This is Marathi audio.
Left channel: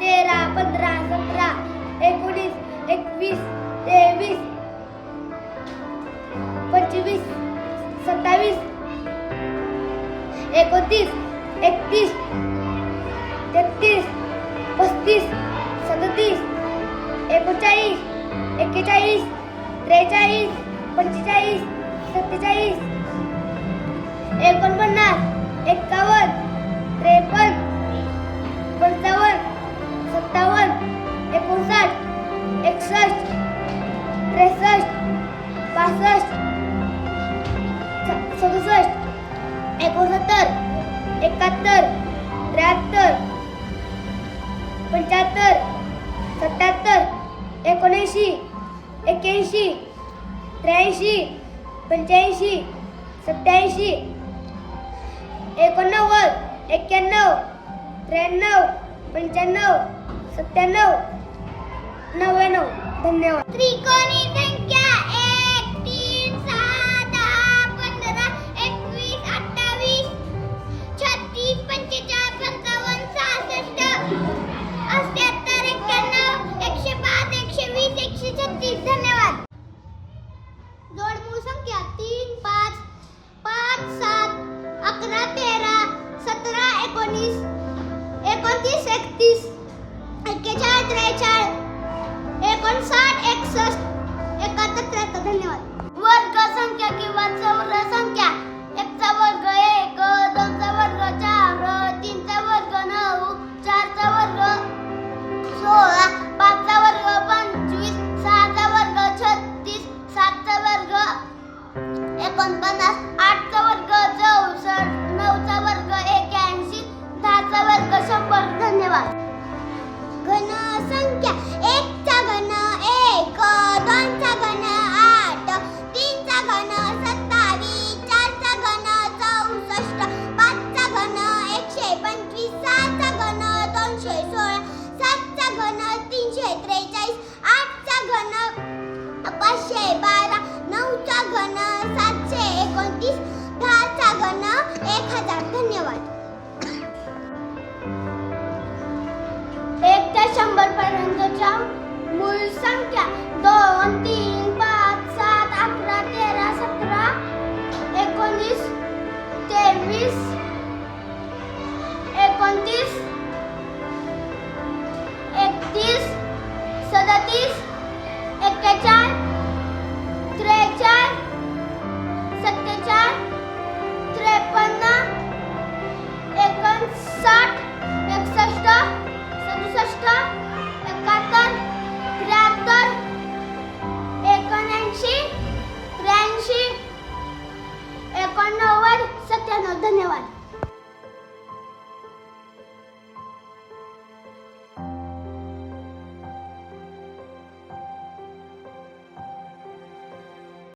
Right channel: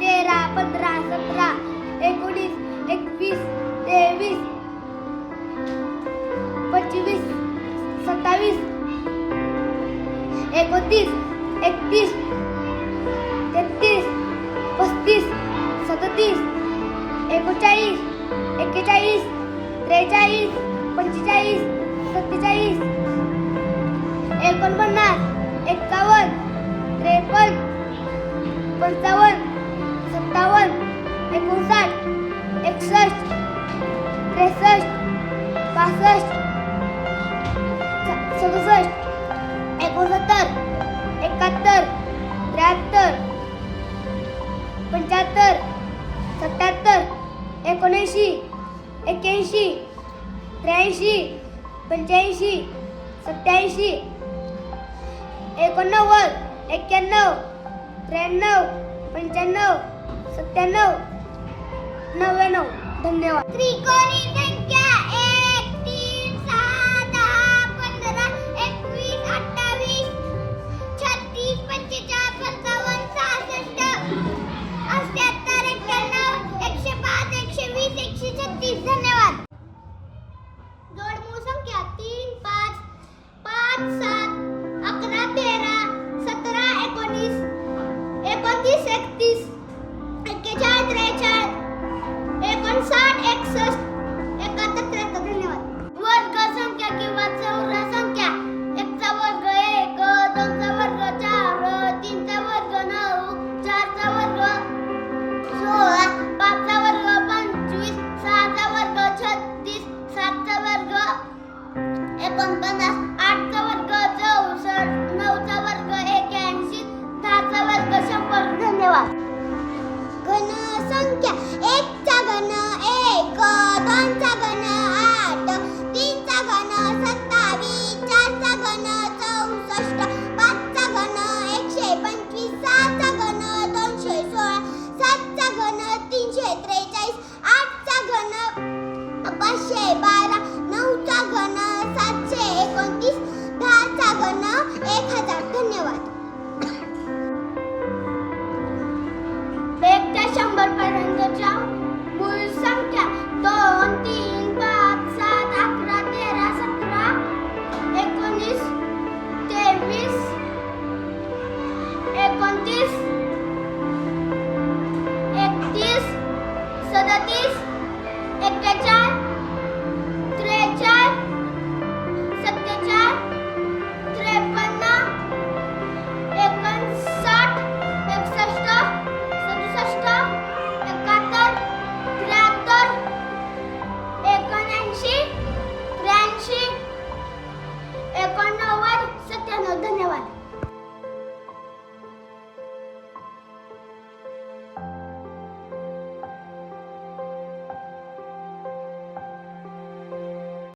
तेरा पंधरा सतरा एकोणीस एकवीस तेवीस पंचवीस सत्तावीस एकोणतीस एकतीस तेहतीस पस्तीस सदतीस एकोणचाळीस एक्केचाळीस त्रेचाळीस पंचेचाळीस एकोणसाठ एकसष्ट त्रेसष्ट पासष्ट सदुसष्ट एकोणसत्तर एकाहत्तर त्र्याहत्तर पंच्याहत्तर सत्याहत्तर एकोणऐंशी एक्क्याऐंशी त्र्याऐंशी पंच्याऐंशी सत्याऐंशी एकोणनव्वद एक्क्याण्णव त्र्याण्णव पंच्याण्णव सत्त्याण्णव. नव्याण्णव. धन्यवाद. त्रिकोणी संख्या एक तीन सहा दहा पंधरा एकवीस अठ्ठावीस छत्तीस पंचेचाळीस पंचावन्न सहासष्ट अठ्याहत्तर एक्क्याण्णव एकशे पाच एकशे वीस एकशे छत्तीस. धन्यवाद. जोडमूळ संख्या तीन पाच पाच सात अकरा तेरा सतरा एकोणीस एकोणतीस एकतीस एक्केचाळीस त्रेचाळीस एकोणसाठ एकसष्ट. एकाहत्तर त्र्याहत्तर. धन्यवाद. वर्ग संख्या किंवा चौर संख्या. एकचा वर्ग एक दोनचा वर्ग चार तीनचा वर्ग नऊ चारचा वर्ग सोळा पाचचा वर्ग पंचवीस सहाचा वर्ग छत्तीस सातचा वर्ग एकोणपन्नास आठचा वर्ग चौसष्ट नऊचा वर्ग एक्याऐंशी दहाचा वर्ग शंभर. धन्यवाद. एक हजार. धन्यवाद. एक ते शंभर पर्यंतच्या धन्यवाद.